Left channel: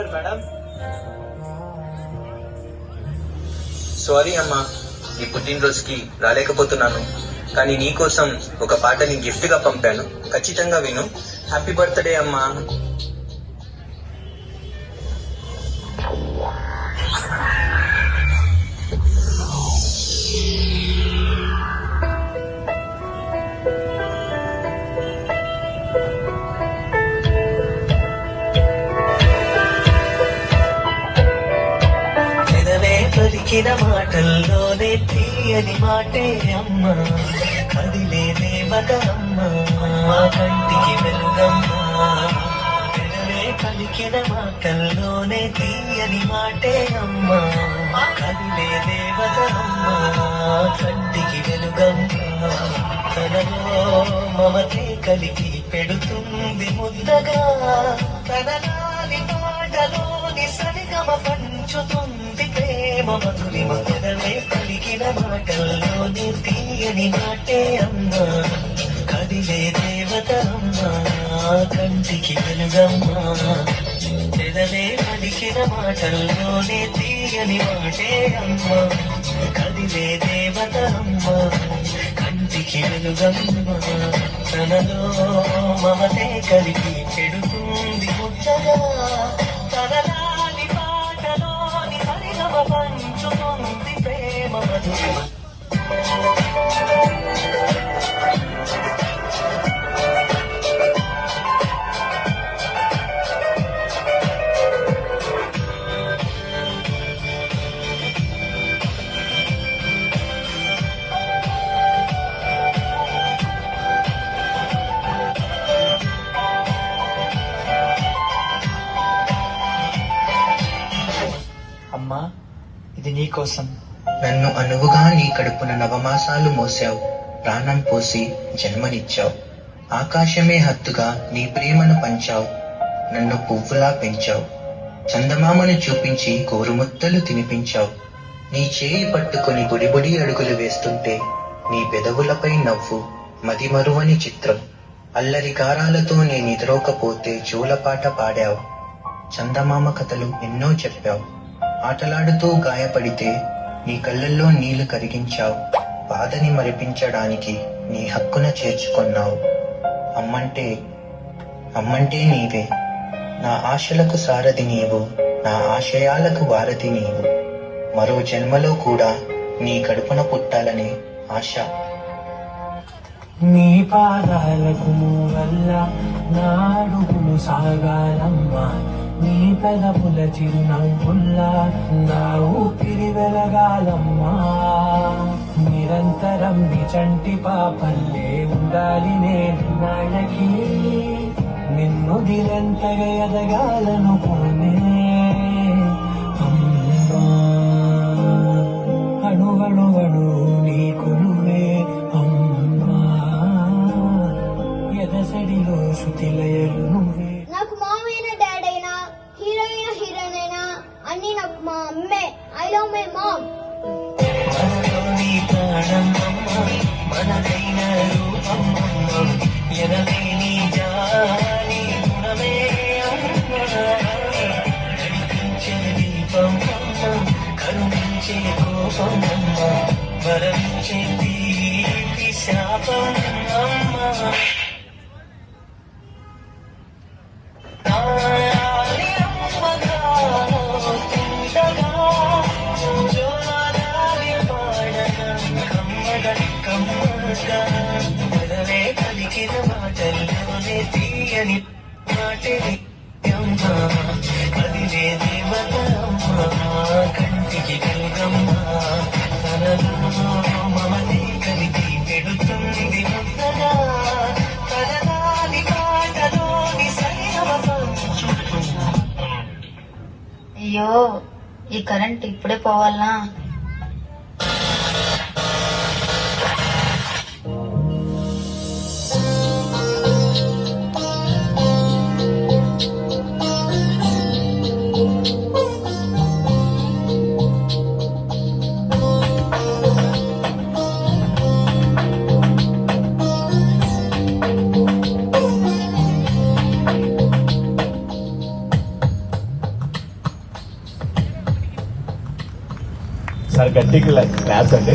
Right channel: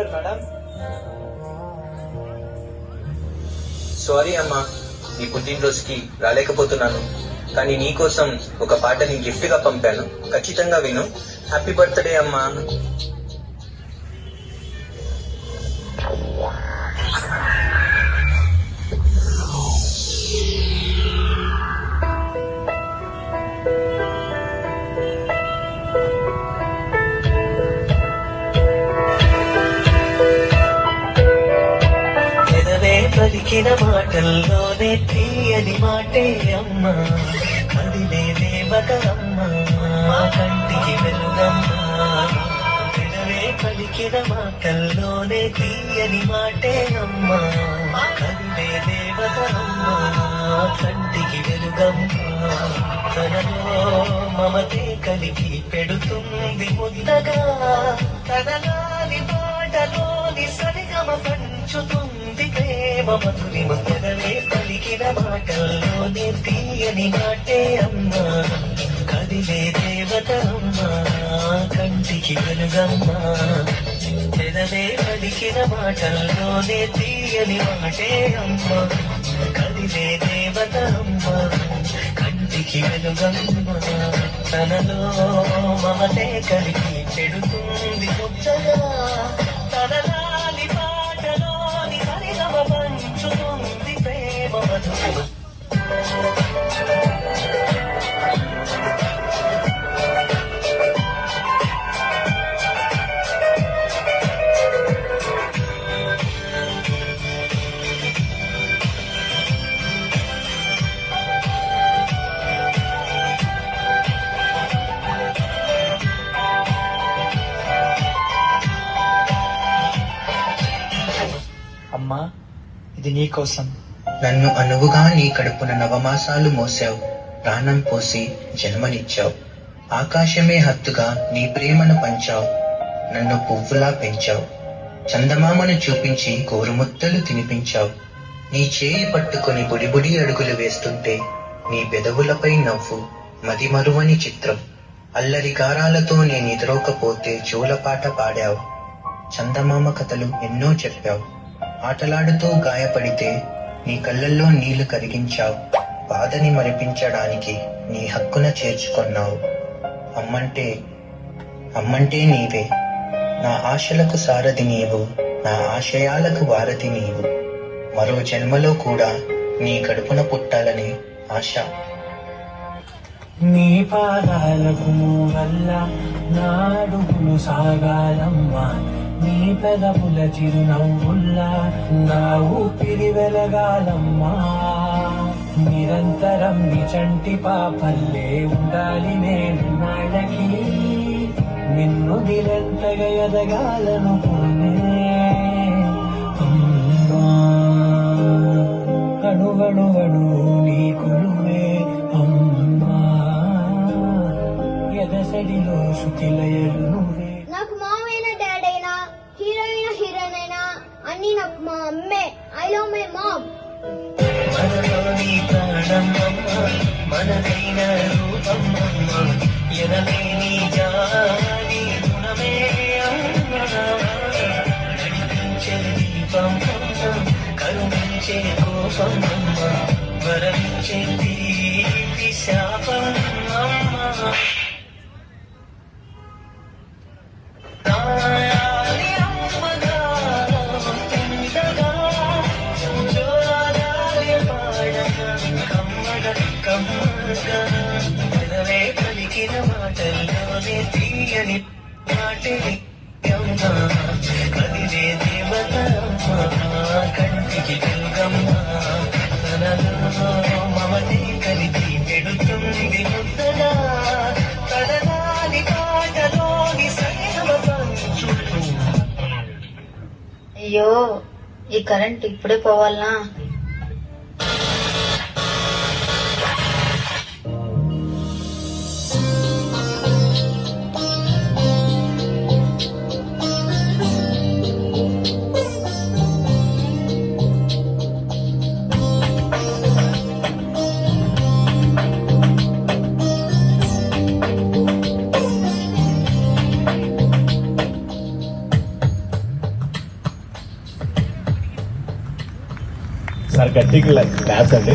మర్చిపోయారు madam. Sorry అమ్మా, ఈ పుట్టినరోజుకి రాలేకపోతున్నాను. కానీ నీకోసం ఒక పాటని గిఫ్ట్ గా పంపాను, ఖచ్చితంగా విను. హ్యాపీ బర్త్డే అమ్మా. పలికిన మాటల్లోనే తీయని మాటే అమ్మా, కదిలే దేవత అమ్మా, కంటికి వెలుగమ్మా. తెలుగే పలికిన మాటల్లోనే తీయని మాటే అమ్మా, కదిలే దేవత అమ్మా, కంటికి వెలుగమ్మా. తనలో మమతే కలిగి పెడుతుంది ముద్దగా, తనలోని పాటలోని సరిగమ పంచుతుంది ప్రేమ మధురిమ. తెగలే పలికిన మాటల్లోనే తీయని మాటే అమ్మా, కదిలే దేవత అమ్మా, కంటికి వెలుగమ్మా. తెగలే పలికిన మాటల్లోనే తీయని మాటే అమ్మా, కదిలే దేవత అమ్మా, కంటికి వెలుగమ్మా. తనలో మమతే కలిగి చెడుతుంది ముద్దగా, తనలాని పాటలోని హరిగమ పంచుతుంది ప్రేమ మధురిమ. అమ్మా, ఇది నీకోసం. నన్ను అనువుగా నీ కడుపున నవమాసాలు మోసావు, ప్రాణం పోసి జన్మనిచ్చావు. ఆకాశమే హద్దుగా నీ ప్రేమను పంచావు, నన్ను పువ్వులా పెంచావు. చందమామను చూపించి గోరుముద్దలు తినిపించావు. నీ చేయి పట్టుకుని బుడిబుడి అడుగులు వేస్తుంటే నీ పెదవులపై నవ్వు మదిమరువని చిత్రం. అల్లరి గారాలతో నే నిద్రోకపోతే జూలపాట పాడావు. చందమామ కథలు ఎన్నో చెప్పావు. ఆటలాడుతూ గాయపడితే నీ కళ్ళల్లో నీళ్లు కరిగించావు. బాధని మరిపించడానికి నీ హక్కున చేర్చుకున్నావు. అమ్మంటే నీవే, నా ఆశలకు సారథి నీవు, నా ఆశయాలకు వారధి నీవు. మరో జన్మలో కూడా నీ కడుపున పుట్టాలని ఆశ. నీ పాదాలకు వల్ల నా అడుగులు సాగాలమ్మా, నీ పెదవుల చిరునవ్వుల్లా నా ఊపిరి వెలగాలమ్మా. నిరంతరం నీ చంటి పాపల్లే ఉండాలి నేను నాళ్ళకి, నిన్ను నిరంతగా ఎదగాలనుకోనే అమ్మా. అణువణువణు నీకు నువ్వే అమ్మా, ఎదసడిలో శుతిలయలు నువ్వే. నాకు మామైనా డాడ్ అయినా హీరోయిన్ అయినా అన్ని నాకు మా అమ్మే. I love my mom. మనలోని ప్రాణమమ్మ, మనదైన రూపమమ్మ, ఎనలేని జాలి గుణమే అమ్మ. కనిపించే దీపమమ్మ, కరుణించే కోపమమ్మ, వరించే తీపి శాపమమ్మ. పలికిన మాటల్లోనే తీయని మాటని అమ్మా, కదిలే దేవత అమ్మా, కంటికి వెలుగమ్మా. తనలో మమతే కలిగి పెడుతుంది ముద్దగా, తనలాని పాటలోని సైనవ పంచుతూ. అయ్యో, ఈ కరెంట్ ఇప్పుడే పోవాలనా? సార్ గట్టిగా క్లాస్ అండి.